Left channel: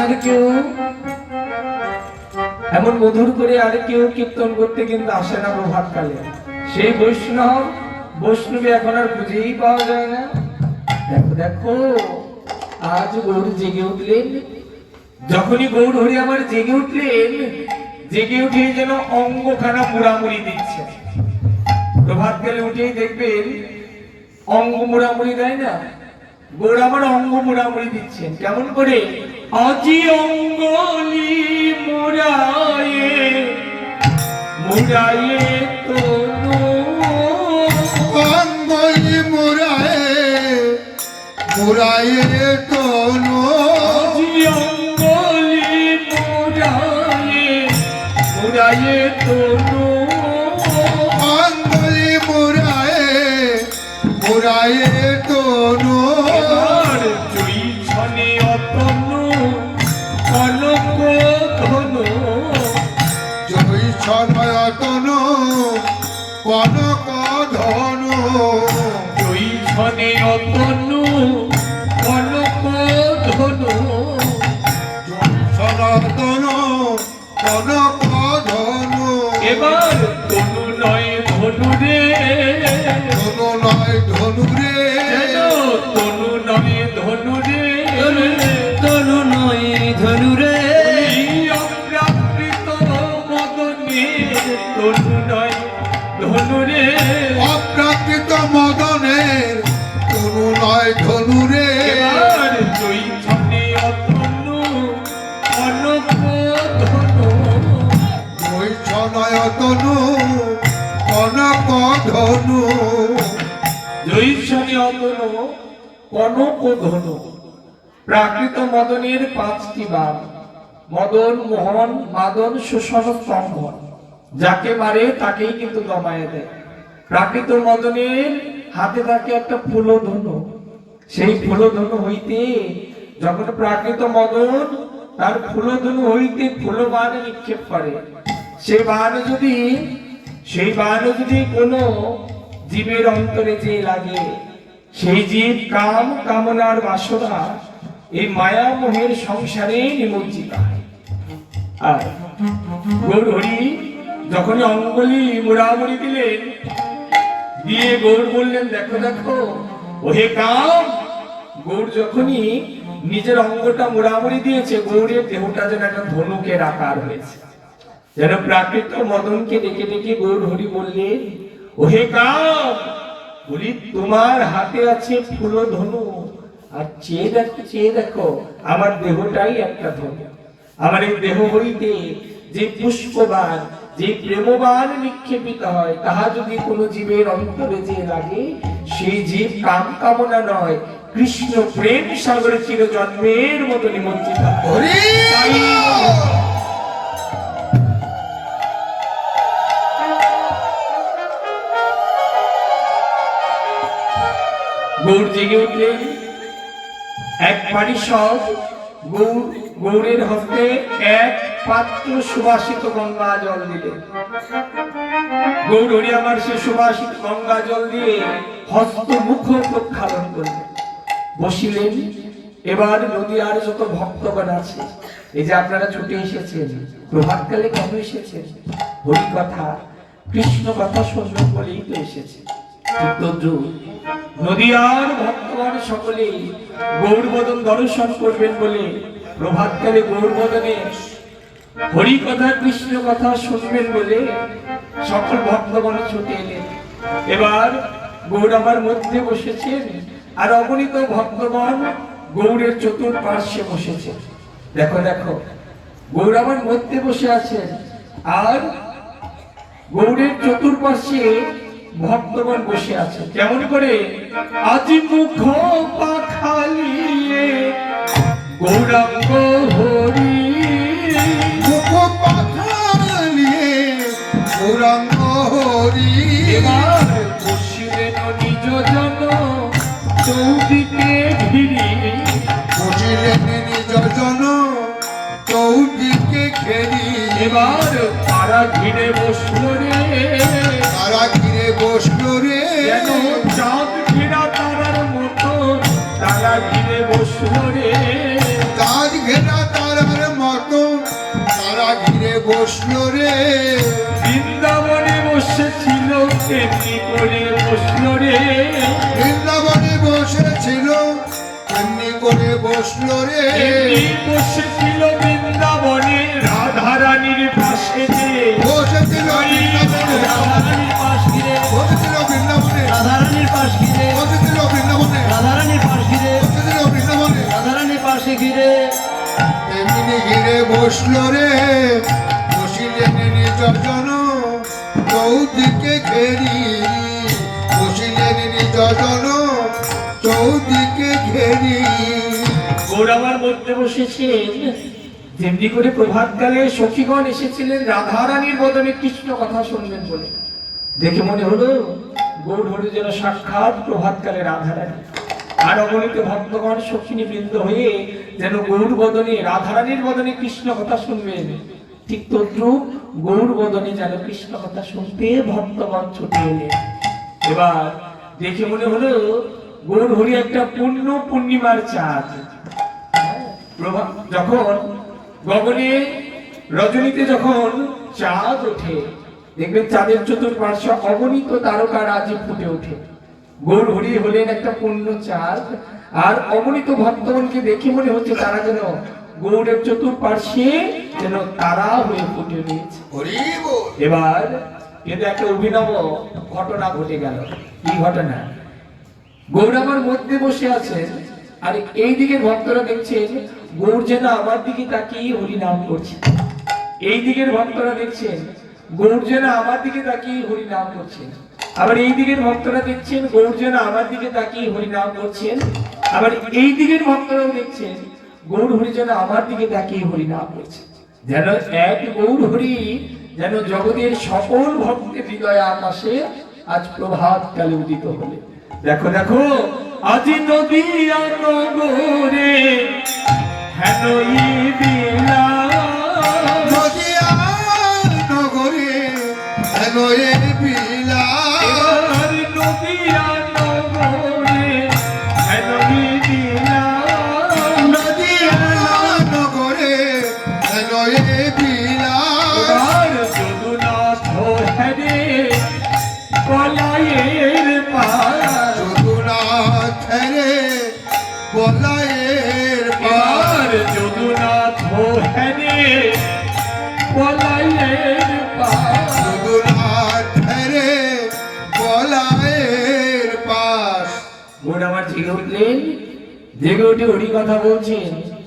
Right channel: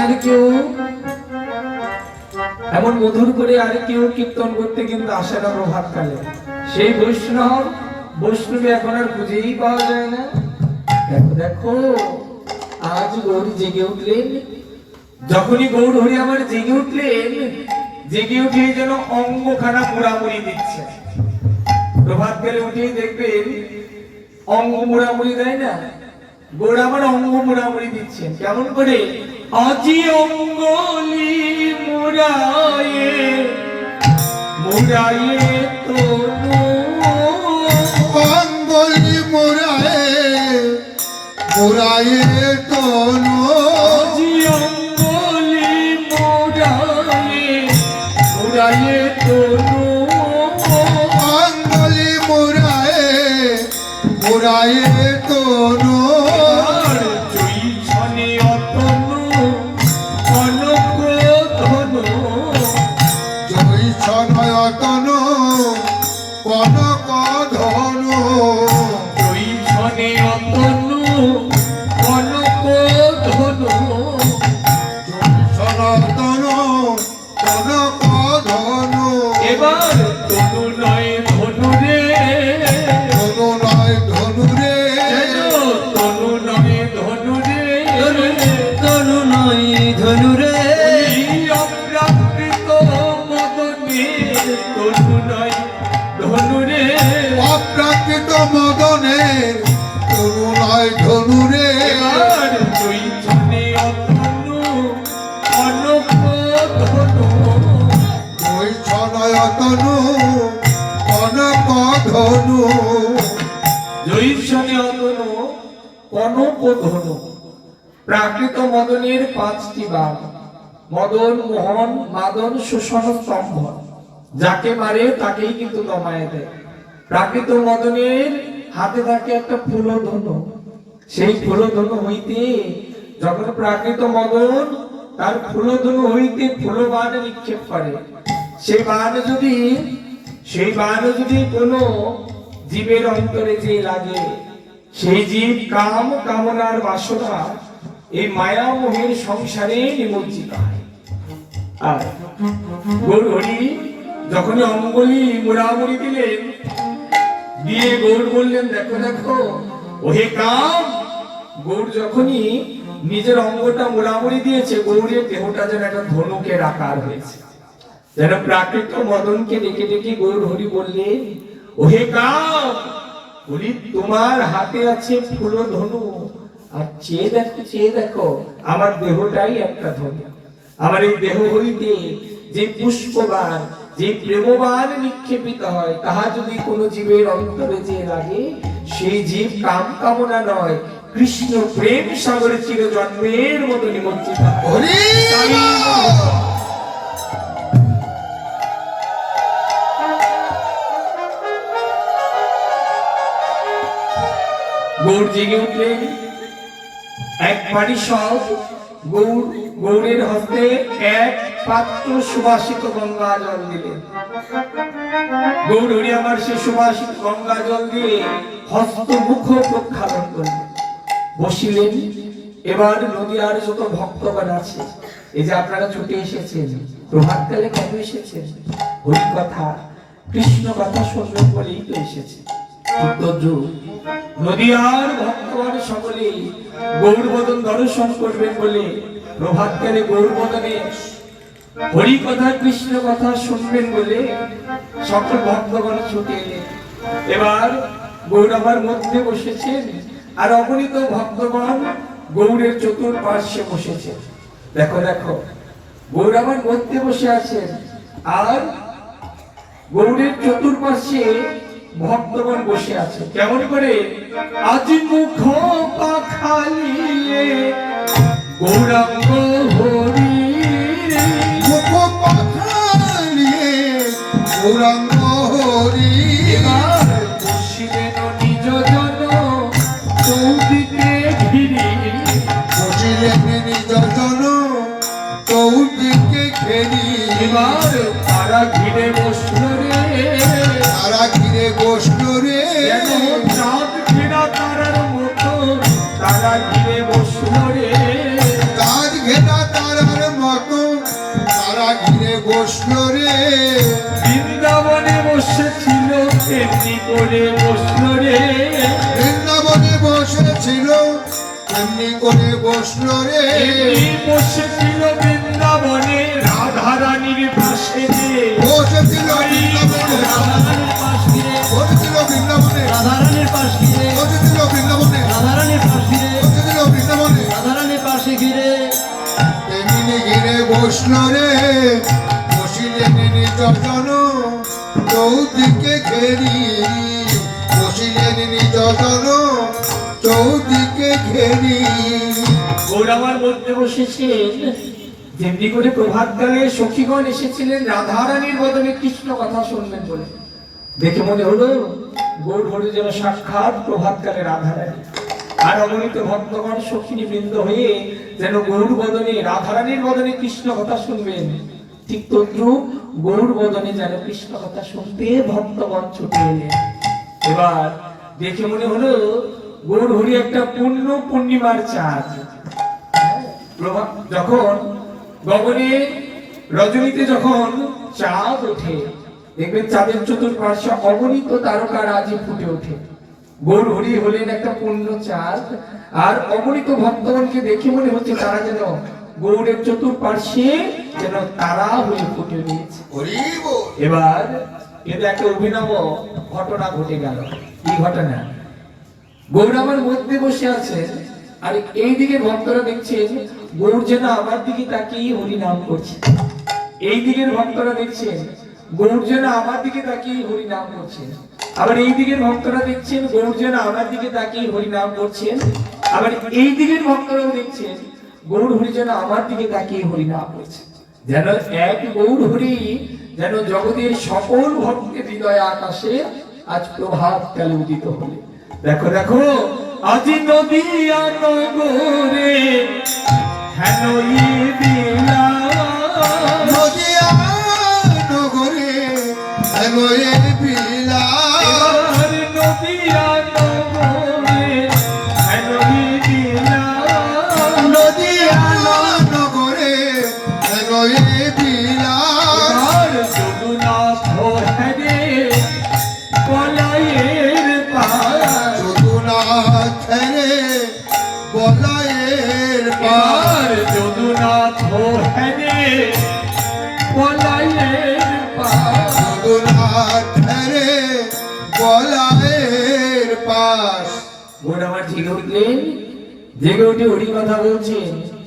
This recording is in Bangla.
আপনার কেউ এমন মধুর করে আর কেউ কীর্তন করতে কিন্তু আসে না প্রভাতকালে। সেই বৈষ্ণবী এখন আর খুঁজেই পাওয়া যায় না। দেখো দেখো আজ গৌর জেগে উঠলেন। যখনই গৌর হরি আমার জেগে উঠলেন, জেগে উঠে যেন অঙ্গখানা মুড়ামুড়ি দিচ্ছে। প্রভাতকালে উঠেই দেখবেন অঙ্গ মুড়ামুড়ি দেয় না, গৌর আমার অঙ্গ মুড়ামুড়ি দিচ্ছেন। কেমন করে? আজি অঙ্গলি মুড়ায়ে মুড়ায়ে তনু, অঙ্গলি মুড়ায়ে মুড়ায়ে তনু, আজি অঙ্গলি মুড়ায়ে মুড়ায়ে তনু, অঙ্গলি মুড়ায়ে মুড়ায়ে তনু, জয়ী ছনে অতনু কনক ধনু, জয় ছনয় তনু কনক ধনু, জয়ী ছনে অতনু কনক ধনু, সনাতনু কনক ধনু। এবার তনু নয় ধনু রে, ধনু নয় ধনু রে, তনু নয় ধনু রে, তনু নয় ধনু রে, অপ্রাকৃত মদনের তনু নয় ধনু রে, অপ্রাকৃত মদনের তনু নয় ধনু রে। এবার জয়ী ছনে অতনু কনক ধনু, ওই ছনয় তনু কনক ধনু, জয়ী ছনে অতনু কনক ধনু। প্রাকৃত মদনের পাঁচটি বার: মদন, মোহন, মাদন, শোষণ, স্তম্ভন। যাকে মারে তাকেই কিন্তু দমায়ে দেয়। প্রাকৃত মদনের হাতে থাকে একটা ফুলধনু। সেই ফুলধনু হইতে যখন প্রাকৃত মদন তার ফুলধনু হইতে ফুলবাণ নিক্ষেপ করে, সেই বাণ যদি কোনো জীবের অন্তরে যে লাগে, সেই জীব কাম কামনার বাসনা এই মায়া মোহের সংসারে নিমজ্জিত হয়। আর গৌর হরি যখনই অঙ্গলি মুড়ামুড়ি দিলেন, দিয়ে গৌর বললেন দেখো দেখো ওহে কাম। গৌর যখনই নিজের অঙ্গটা মুড়ামুড়ি দিয়েছে, গৌরের দেহটা যেন একটা ধনুকের আকার হয়েছে, যেন প্রাকৃত মদনকে ডেকে ডেকে গৌর হরি বললেন ওহে কাম, বলি তোমার হাতে আছে ফুল ধনু, আর চেয়ে দেখো আমার দেহটাই একটা ধনু। আমার এই দেহ হইতে যে পুষ্পবাণ, যে প্রেমবাণ নিক্ষেপিত হয়, তাহা যদি কোনো জীবের অন্তরে যে লাগে, সেই জীব কাম কামনা নয়, কৃষ্ণ প্রেম সাগরে চির জন্মের মতো নিমজ্জিত হয়। হরি তাই গৌর জেগে উঠলেন। এক পারিষদ গৌরের হস্তে এক পাত্র সুবাসিত গঙ্গা জল দিলেন। গৌর হরি আমার সে সুবাসিত গঙ্গা জল দিয়ে হস্ত মুখ প্রক্ষালন করলেন, বসিলেন। এবার নদীয়ার যত ভক্তগণ আছে, এই যে আপনারা ছুটে এসেছেন, প্রভাতকালে কেন এসেছেন? হরি কথা কৃষ্ণ কথা শুনবেন বলেই তো এসেছে। নদীয়ার ভক্তগণ সকলে গৌরবদন দর্শন করবেন বলে প্রভাতকালে গৌরবদনে হরি কথা কৃষ্ণ কথা শুনবেন বলে সকল ভক্তগণ ছুটে এলেন। এবার গৌর আমার মধ্যে বসেছেন, আর অগণিত ভক্তগণ গৌরের চতুর্পার্শ্বে বসেছে। দেখো দেখো গৌর আমার মধ্যে বসে আছেন, আর গৌরের চতুর্পার্শ্বে ভক্তগণ বসে আছে। কেমন করে? আজি মুখ পাখালিয়ে গৌরাঙ্গ হরি, মুখ পাখালিয়ে গৌরাঙ্গ হরি, এবার বসিলেন নিজ জন চৌদিকে ঘিরি, বসিলেন নিজ জন চৌদিকে ঘেরি, এবার তারা ঘিরে বসল রে, তারা ঘিরে বসল রে, যেন চাঁদ ঘেরা তারার মতো তারা ঘিরে বসল রে, চাঁদ ঘেরা তারা বসলো রে বৃন্দাবনে বসেছিল তেমনি করে বসলো রে, বৃন্দাবনে বসেছিল তেমনি করে বসলো রে তেমনি বসেছিল বৃন্দাবনে রাধারানীর পাশে যে, বসেছিল বৃন্দাবনে রাধারানীর পাশ ঘিরে, বসেছিল বৃন্দাবনে রাধারানীর পাশ ঘিরে, বসেছিল বৃন্দাবনে রাধারানীর পাশ ঘিরে, বসেছিল বৃন্দাবনে রাধারানীর পাশে ঘিরে, তেমনি ঘিরে বসলো রে বসিলেন নিজ জন চৌদিকে ঘেরি বসিলেন নিজ জন চৌদিকে ঘেরি ওর আমার মধ্যে বসেছেন যেমনি করে প্রভাতকালে সখীগণ এসেছিলেন রাধারানীর বদলে কৃষ্ণ কথা শুনবেন বলে। দেখে মনে হলো গৌর হরি যেন সাক্ষাৎ প্রভাতকালে রাধারানী, আর অগণিত ভক্তগণ সখিনী বৃন্দ হয়ে যেন গৌর বদনে রাধারানীর বদনে কৃষ্ণ কথা শুনবেন। ঠিক তদ্রুপ গৌর বদনে যেন কৃষ্ণ কথা শুনতে ভক্তগণ ছুটে এলেন। এবার দেখে মনে হলো গৌর হরি একটা পূর্ণিমার চাঁদ। যখন গগনে রজনীতে যখন চাঁদ ওঠে দেখবেন চাঁদের চতুর্পার্শ্বে অগণিত তারকা রাজি ফুটে ওঠে। গৌর হরি হলেন একটা পূর্ণ চাঁদ, আর অগণিত ভক্তগণকে দেখে মনে হচ্ছে তারা যেন গৌরের চতুর্পার্শ্বে যেন তারা হয়ে ফুটে রয়েছে। হরি বল এবার কিন্তু একটা অভিনব ঘটনা ঘটে গেল। কি ঘটনা? গৌর আমার মধ্যে বসে আছেন, আর এই দিকের ভক্তরা দেখছেন গৌর যেন আমার দিকে তাকিয়ে হরি নাম করছে। এই দিকের ভক্তরা দেখছেন গৌর যেন আমার দিকে তাকিয়ে হরি নাম করছেন। আবার এই দিকের ভক্তরা দেখছেন গৌর যেন আমার দিকে তাকিয়ে হরি নাম করছেন। আবার এই দিকের ভক্তরাও দেখছেন গৌর হরি যেন আমার দিকে তাকিয়ে হরি নাম করছেন। যেন এক গৌর হরি যেন জগতের সকল ভক্তের হৃদয় আকাশে আজ প্রভাত কালে উদিত হলে। দেখো দেখো আজি নদিয়া নগরে হেন বিলা নদিয়া নগরে হেন বিলা এবার নদিয়া নগরে হেন বিলা নদিয়া নগরে হেন বিলা এবার যদুনাথ হেরে কলায়ের পাড়া যদুনাথ রে বলায়ের পার এবার যদুনাথ হেরে কলায়ের পাড়া যদুনাথ রে বলায়ের পার গৌর আমার জেগে উঠলেন, জেগে উঠে হরি কথা বলছেন।